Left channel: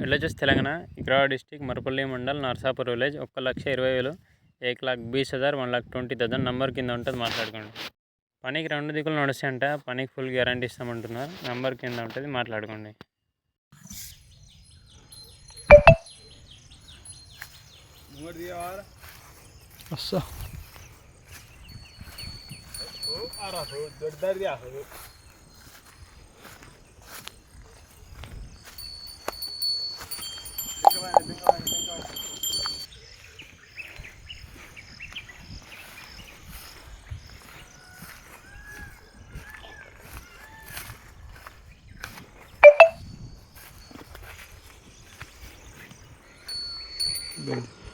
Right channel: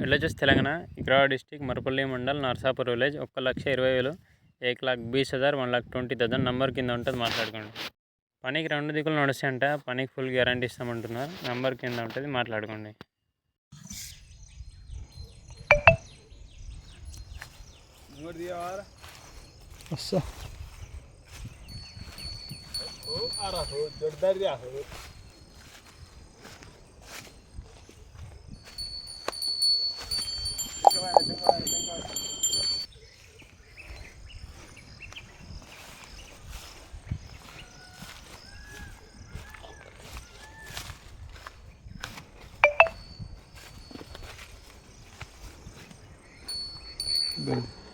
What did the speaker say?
విలేజెస్ తెలంగాణ వికారాబాద్ డిస్టిక్ మరపల్లి మండల్ నర్సాపూర్ విలేజ్ 1,20,000 1,20,000 1,20,000 నంబర్ కింద ఉంటుంది మాట్లాడుకోండి. పనికి 2 దిక్కులు నడుస్తాయంట. పనికి ఫుల్ గ్యారంటీ ఇస్తామంటున్నారు. నంబర్ కింద ఉంటుంది మాట్లాడుకోండి. Good.